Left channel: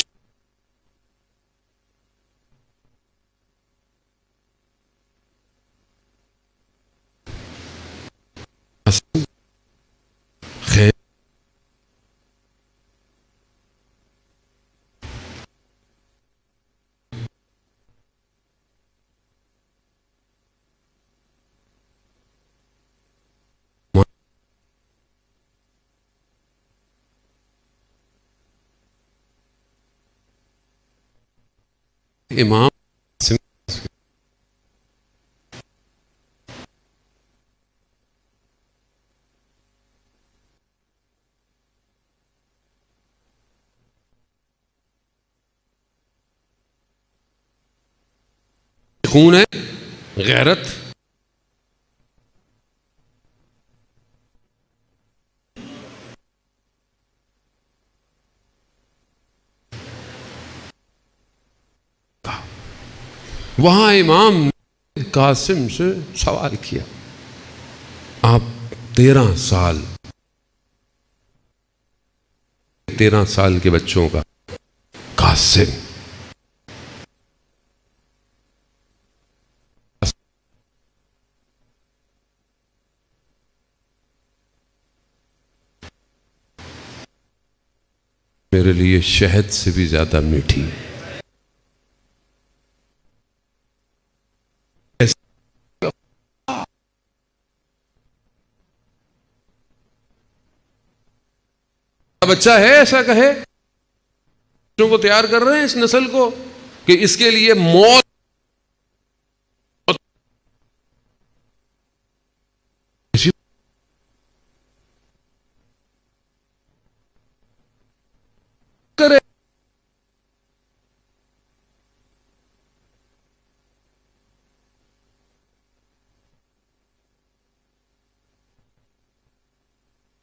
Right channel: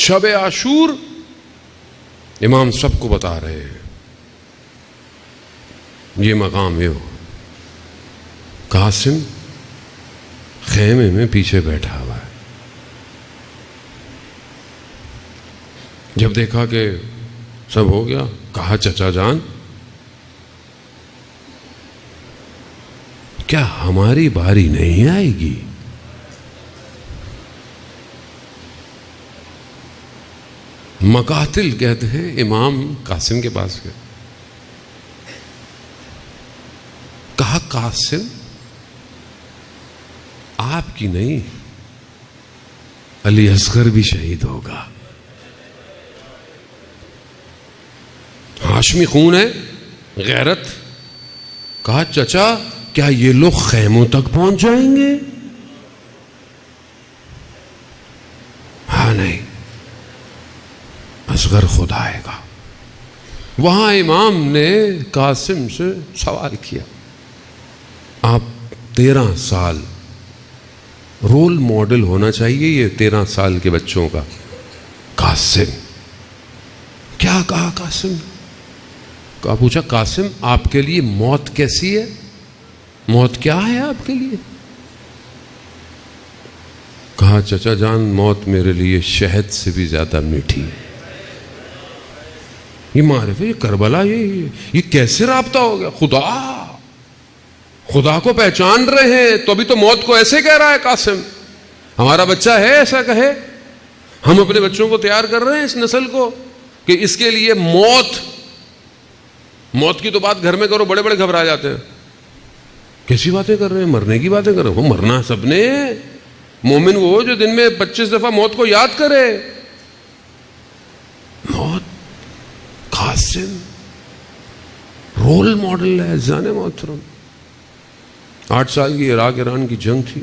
شب عاشور امام سب کو بتا رہے ہیں یہ مقام یہ ہو. قاسم خیمے میں پیچھے بیٹھا ہوا ہے. جب دیکھا کہ سب ہو گیا, کہا چچا جان کیا ہماری باری نہیں آئے گی؟ مقاتل کہتے ہیں امام قاسم کے پاس گئے, کہا قاسم آپ کی نہیں, علی اصغر بھی شہید ہوگا. ہاشمی خون ہے, غیرت. کہا چچا کیا یہ لوگ خیموں تک پہنچ جائیں گے؟ ہاں نہیں, اصغر خود آئے گا. وہاں امام نے قاسم سے سوال کیا, آپ 13 سال رول ماڈل ہونا چاہیے یہ 13 سال کے بچوں کا. قاسم کیا کہا؟ قاسم کہا, پوچھا قاسم آپ کے لیے موت کیسی ہے؟ موت کیا ہے آپ کے لیے؟ کہا چچا جان موت میرے لیے شہد سے بھی زیادہ میٹھی ہے. یہ معرفت, یہ کربلا, یہ کیسے رابطہ ہو گیا؟ خدا کو پہچان رہے ہیں تو ابھی تو موت کو ایسے کہہ رہا ہے قاسم. ہمارا بچہ ہے ایسا کہے, ہم اپنے بچوں کو تیار کر رہے ہیں اس نسل کو کہ اس کے لیے موت کی تو بات گھر میں کرو, بڑے بڑے گھبرا جاتے ہیں. کیسی باتیں کر رہے ہیں؟ مرنے کی باتیں کر رہے ہیں. وہ مرنا سب نے. مومن وہ جو دن میں 25 دفعہ موت کو یاد کرے. موت قاسم رول ماڈل ہے. جان محترم 8 سال کی عراق ایران کی جنگ تھی.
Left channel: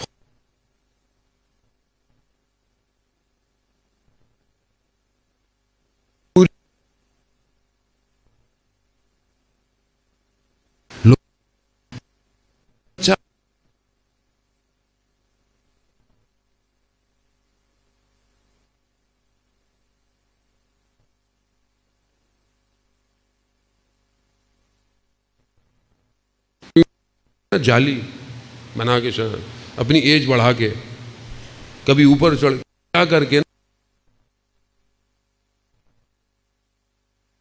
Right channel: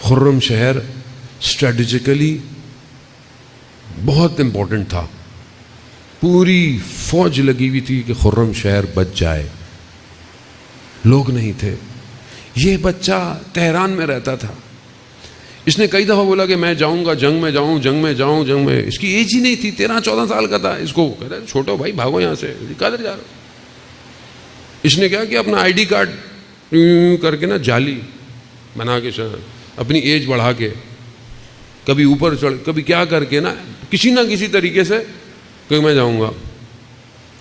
خرم شہر اسٹریٹجیکلی بہت امپورٹنٹ تھا. پوری فوج لگی ہوئی تھی کہ خرم شہر بچ جائے. لوگ نہیں تھے. یہ بچہ تہران میں رہتا تھا. اس نے کئی دفعہ بولا کہ میں جاؤں گا, جنگ میں جاؤں, جنگ میں جاؤں, جنگ میں. اس کی ایج ہی نہیں تھی, 13-14 سال کا تھا. اس کو کہتا ہے چھوٹو بھائی بھاگو یہاں سے, کدھر جا رہا ہو؟ اس نے کیا کہ اپنا آئی ڈی کارڈ کر کے نا جعلی بنا کے اپنی ایج بڑھا کے کبھی اوپر چڑھ, کبھی کیا کر کے نا کسی نہ کسی طریقے سے کہ میں جاؤں گا.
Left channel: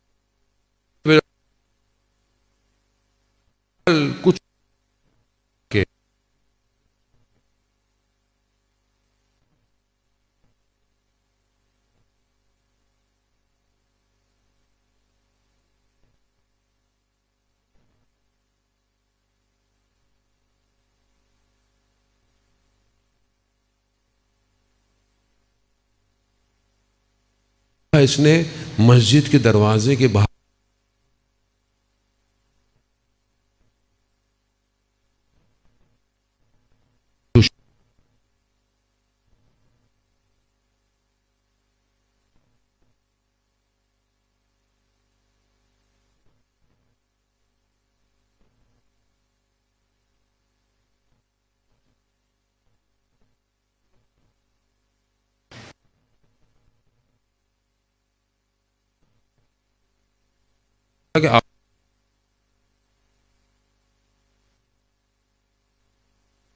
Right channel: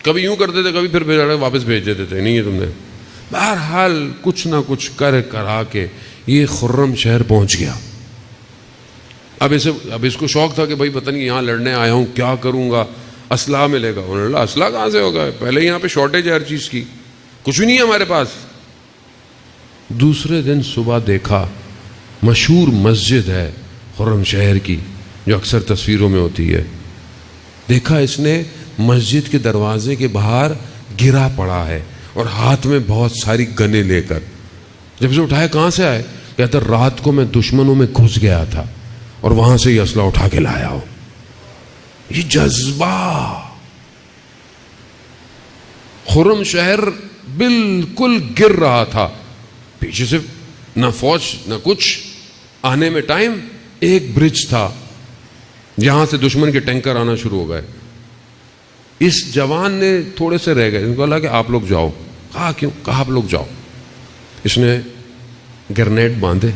کبھی یوں کرتے تھے, کبھی پھر واپس بھیج دیتے تھے, نہیں ہے تم نے. بہرحال کچھ نہ کچھ کرا کے یہ خرم شہر پہنچ گیا. اب اس کو شوق تھا کہ بھائی پتہ نہیں یہاں لڑنے آیا ہوں, کیا کروں گا, اسلحہ ملے گا. انہوں نے کہا اسلحہ کہاں سے ہوگا, پہلے یہاں پہ شارٹیج ہے ہر چیز کی, کچھ بھی نہیں ہے ہمارے پاس. دوسرے دن صبح دیکھا مشہور مسجد ہے خرم شہر کی جو اکثر تصویروں میں ہوتی ہے. دیکھا اس نے مسجد کے دروازے کے باہر گرا پڑا ہے اور ہاتھ میں بہت ساری گنیں لے کر. جب اسے اٹھایا کہاں سے آئے, کہتا رات کو میں دشمنوں میں گھس گیا تھا اور وہاں سے یہ اسلحہ اٹھا کے لایا ہو. یہ جذبہ. خرم شہر بالکل گر رہا تھا, پیچھے سے نہ فوج نہ کچھ, آنے میں ٹائم. ایک برج تھا یہاں سے دشمن کے ٹینکر آنا شروع ہو گئے. اس جوان نے تھوڑے سے رہ گئے, ان کو اللہ کہ آپ لوگ جاؤ. کہا کیوں؟ کہا آپ لوگ جاؤ. اس نے گرنیڈ باندھے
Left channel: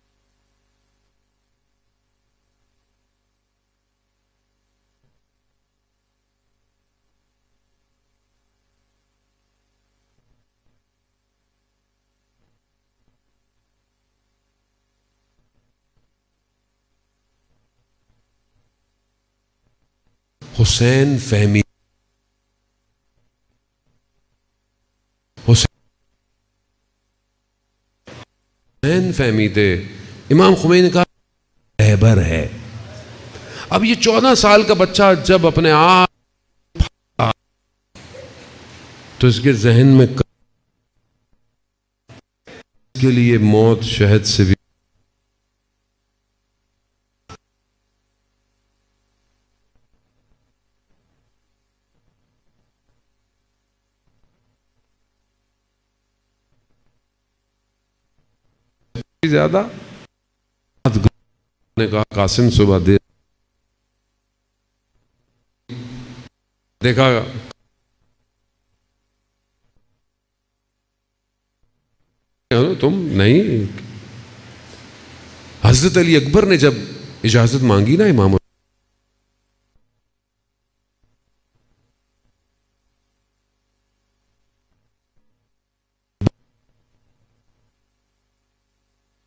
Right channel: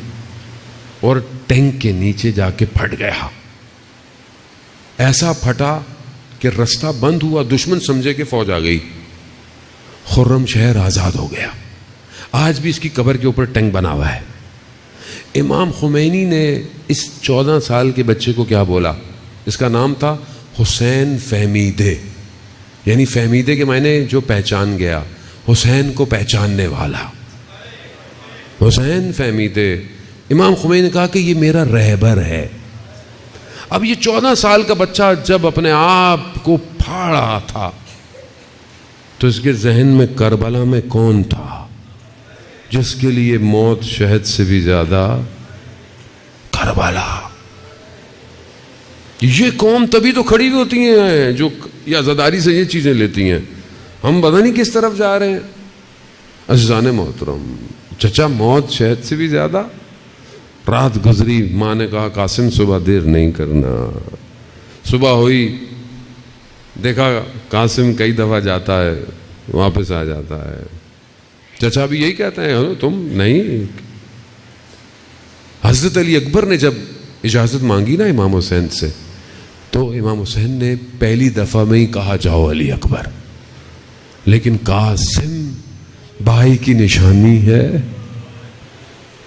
اور ٹینک کے نیچے جا کے پھٹ گیا. ایسا پھٹا کہ رستہ بند ہوا, دشمن سمجھے کہ فوج آ گئی. خرم شہر آزاد ہو گیا. آج بھی اس کی قبر کے اوپر ٹینک بنا ہوا ہے. امام خمینی نے اس 14 سال کے بچے کو کیا بولا؟ اس کا نام تھا حسین فہمیدے, یعنی فہمیدے کے معنی جو پہچان گیا, حسین کو پہچاننے والا. حسین فہمیدے. امام خمینی نے کہا کہ یہ میرا رہبر ہے. اب یہ 14 سال کا بچہ جب اپنے آپ کو پھاڑ رہا تھا تو اس کے ذہن میں کربلا میں کون تھا جس کے لیے موت شہد سے بھی زیادہ؟ کربلا. یہ قوم تبھی تو کھڑی ہوتی ہیں جو یہ عزاداری سے یہ چیزیں لیتی ہیں. ہم پتہ نہیں کس طرف جا رہے ہیں. عزیزان محترم, چچا موت شہد سے بھی زیادہ, رات گزری، ماں نے کہا قاسم صبح دیر نہیں کرنا. صبح ہوئی، دیکھا قاسم کئی دفعہ جاتا ہے واپس آ جاتا ہے. چچا بھی یہی کہتے ہیں تم نہیں. حضرت علی اکبر نے جب اجازت مانگی نا امام حسین سے، تو امام حسین نے پہلی دفعہ میں ہی کہا جاؤ علی اکبر، لیکن قاسم بھائی کی نشانی ہے،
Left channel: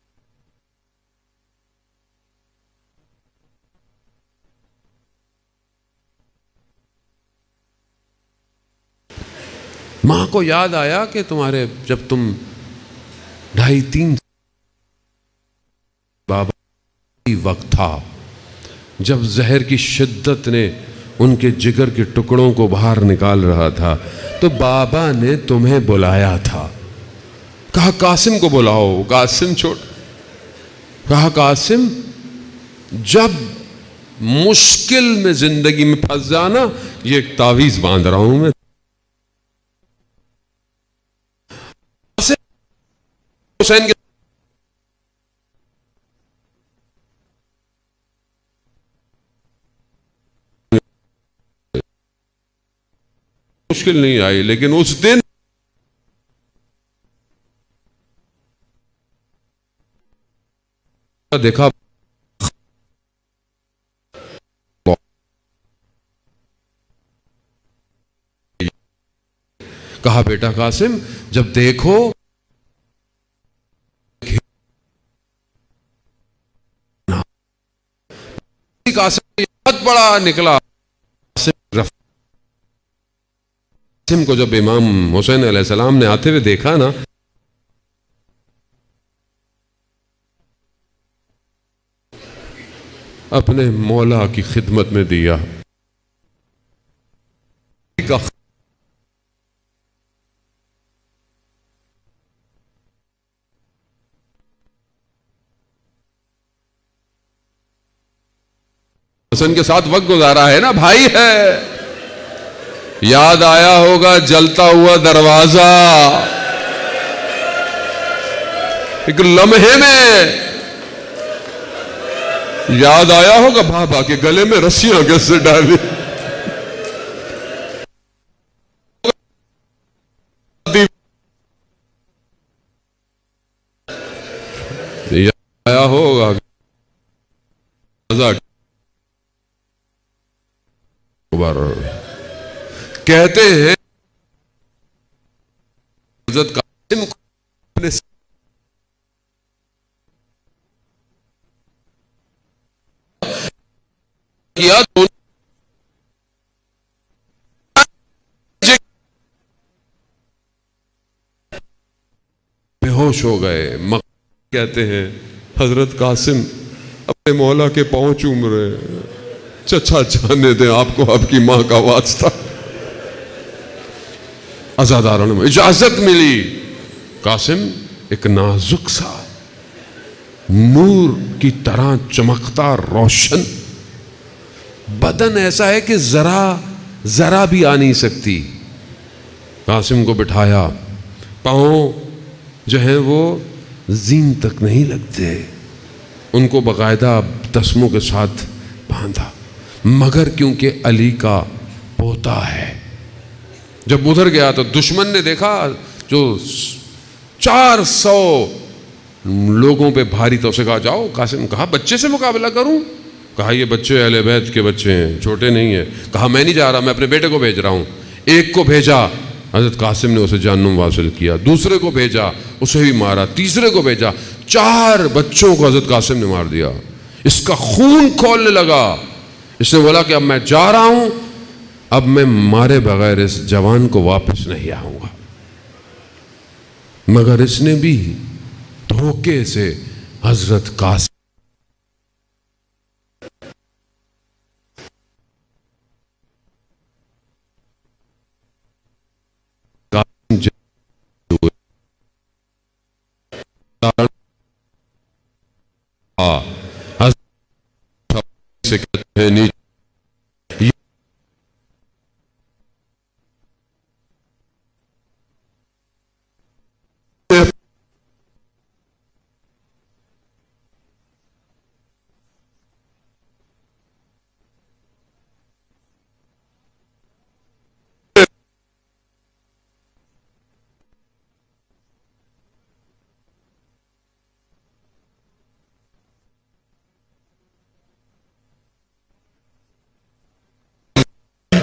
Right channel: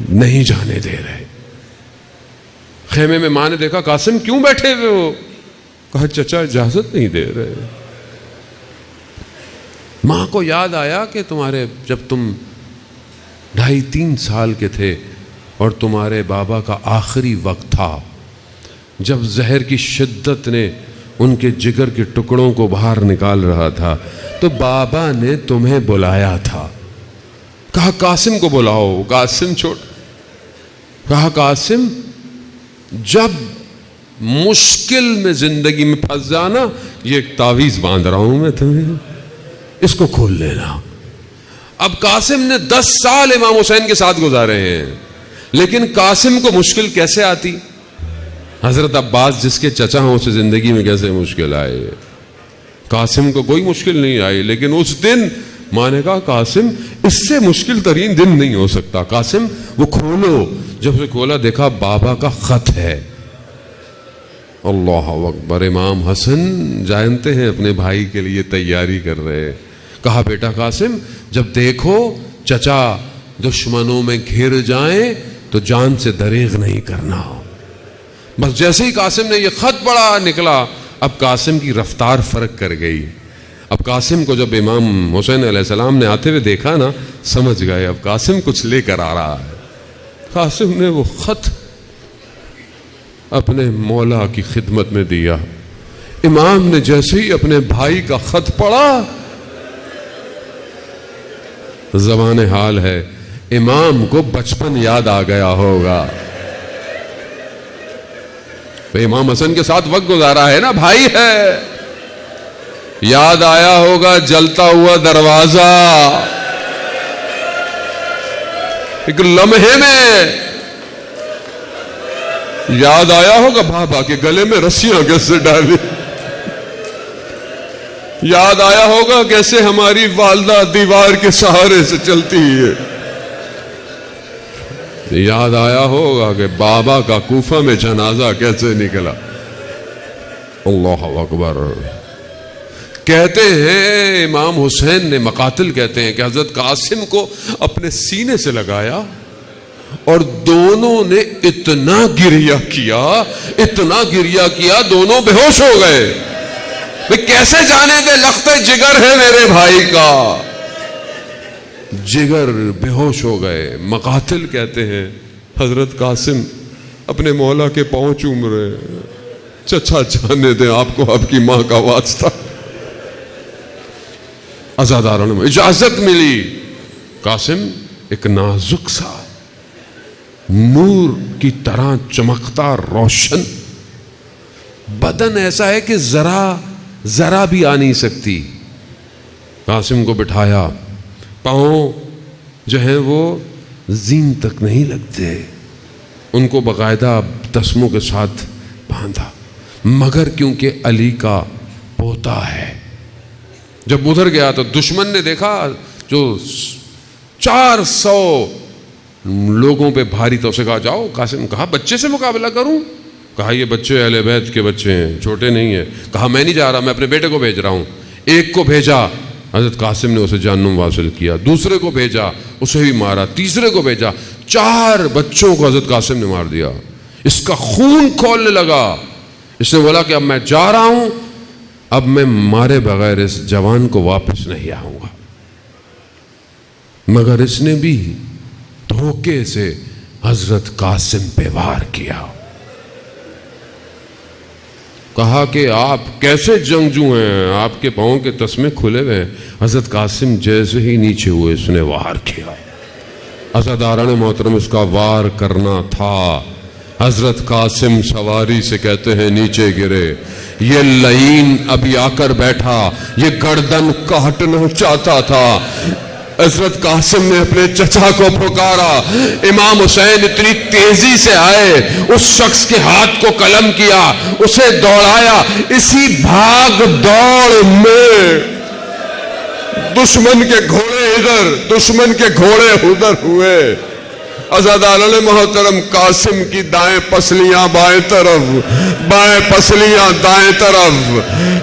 نہیں جانے دے رہے. خیمے میں ماں نے دیکھا قاسم کیوں بیٹھے ہوئے ہو؟ کہا چچا اجازت نہیں دے رہے. ماں کو یاد آیا کہ تمہارے جب تم 2.5-3 سال کے تھے اور تمہارے بابا کا آخری وقت تھا، جب زہر کی شدت نے ان کے جگر کے ٹکڑوں کو باہر نکال رہا تھا، تو بابا نے تمہیں بلایا تھا. کہا قاسم کو بلاؤ. قاسم کہا قاسم جب مشکل میں زندگی میں پھنس جانا، یہ ایک تعویذ باندھ رہا ہوں میں تمہیں، اس کو کھول لینا. اب قاسم نے 10 سال امام حسین کے ساتھ گزارے ہیں، لیکن قاسم کو مشکل کیسے آتی؟ حضرت عباس جس کے چچا ہوں اسے زندگی میں کیسے مشکل آئے؟ قاسم کو کوئی مشکل نہیں آئی، لیکن اس دن ماں نے کہا قاسم اس سے مشکل ترین دن نہیں ہو سکتا، قاسم وہ کھولو. جب اسے کھولا دیکھا بابا کا خط ہے. اللہ اکبر. امام حسن جانتے ہیں اپنے بھائی کے لیے تیاری کر رہے. کہا بیٹا قاسم جب دیکھو چچا دشمنوں میں گھر جائیں تو جان سے دریغ نہیں کرنا. بس جیسے ہی قاسم نے یہ خط پڑھا نکلا، اب قاسم کی رفتار فرق کر گئی. اب قاسم کو جب امام حسین علیہ السلام نے آتے ہوئے دیکھا نا، سمجھ گئے اب قاسم کچھ لے کر آ رہا ہے. قاسم نے وہ خط اپنے مولا کی خدمت میں دیا. امام نے جیسے ہی اپنے بھائی کا خط پڑھا، زبان حال ہے امام کو بچپن یاد آ گیا ہوگا. امام حسن کے ساتھ وقت گزارا ہے نا، بھائی ہے، یاد آیا ہوگا جلتا ہوا دروازہ. ایک لمحے میں یاد آیا ہوگا بابا کے گلے میں رسیاں کیسے ڈالی. یاد آیا ہوگا کیسے ہماری والدہ دیوار کے سہارے سے چلتی ہے. یاد آیا ہوگا کہ بابا کا کوفہ میں جنازہ کیسے نکلا. اللہ اکبر. کہتے ہیں امام حسین نے، مقاتل کہتے ہیں کہ حضرت قاسم کو اپنے سینے سے لگایا اور دونوں نے اتنا گریہ کیا دونوں بے ہوش ہو گئے. کیسے جانے دے لخت جگر ہے میرے بھائی کا. جگر بے ہوش ہو گئے. مقاتل کہتے ہیں حضرت قاسم اپنے مولا کے پاؤں چوم رہے. چچا جانے دیں آپ کو آپ کی ماں کا واسطہ. عزاداروں میں اجازت ملی. قاسم ایک نازک سا نور کی طرح چمکتا روشن بدن، ایسا ہے کہ ذرا بھی آ نہیں سکتی. قاسم کو بٹھایا، پاؤں جو ہیں وہ زین تک نہیں لگتے، ان کو باقاعدہ تسموں کے ساتھ باندھا، مگر کیونکہ علی کا پوتا ہے. جب ادھر گیا تو دشمن نے دیکھا جو 400 لوگوں پہ بھاری تھا. اسے کہا جاؤ. قاسم کہا بچے سے مقابلہ کروں؟ کہا یہ بچے اہل بیت کے بچے ہیں، چھوٹے نہیں ہیں. کہا میں نہیں جا رہا، میں اپنے بیٹے کو بھیج رہا ہوں. ایک کو بھیجا، حضرت قاسم نے اسے جہنم واصل کیا. دوسرے کو بھیجا، اسے بھی مارا. تیسرے کو بھیجا، 4 بچوں کو حضرت قاسم نے مار دیا. اس کا خون کھولنے لگا. اس نے بولا کہ اب میں جا رہا ہوں، اب میں مارے بغیر اس جوان کو واپس نہیں آؤں گا. مگر اس نے بھی دھوکے سے حضرت قاسم پہ وار کیا. کہا کہ آپ کیسے جنگجو ہیں، آپ کے پاؤں کے تسمے کھلے ہوئے ہیں. حضرت قاسم جیسے ہی نیچے ہوئے اس نے وار کیا. عزاداران محترم، اس کا وار کرنا تھا. حضرت قاسم سواری سے کہتے ہیں نیچے گرے. یہ لعین ابھی آ کر بیٹھا، یہ گردن کاٹنا چاہتا تھا. حضرت قاسم نے اپنے چچا کو پکارا. امام حسین اتنی تیزی سے آئے, اس شخص کے ہاتھ کو قلم کیا, اسے دوڑایا. اسی بھاگ دوڑ میں دشمن کے گھوڑے ادھر, دشمن کے گھوڑے ادھر ہوئے. عزادار محترم, قاسم کی دائیں پسلیاں بائیں طرف, بائیں پسلیاں دائیں طرف.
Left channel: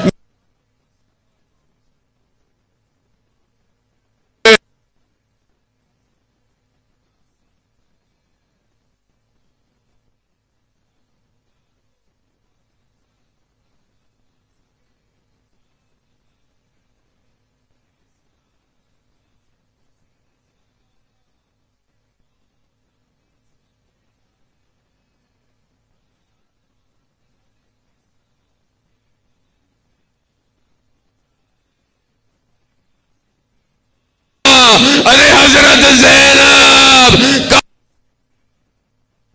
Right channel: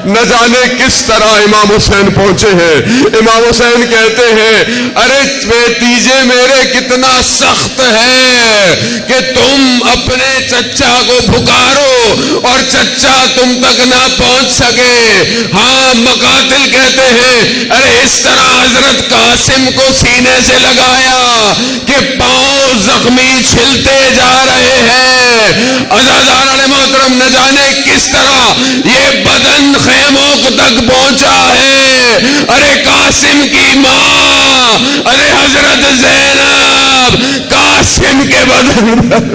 نہ جانے کس طرح امام حسین پہنچے ہیں. امام حسین کہتے ہیں, ارے بھتیجے میرے کتنا سخت ہے کہ تم اپنے چچا کو پکارو اور چچا تم تک نہ پہنچ سکے. ہاں, مقاتل کہتے ہیں, ارے اس طرح حضرت قاسم کو سینے سے لگایا کہ پاؤں زخمی چھلتے جا رہے ہیں. عزادار محترم, نہ جانے کس طرح یہ بدن خیموں تک پہنچا ہے. ارے قاسم کی ماں, ارے حضرت زینب قاسم کے بدن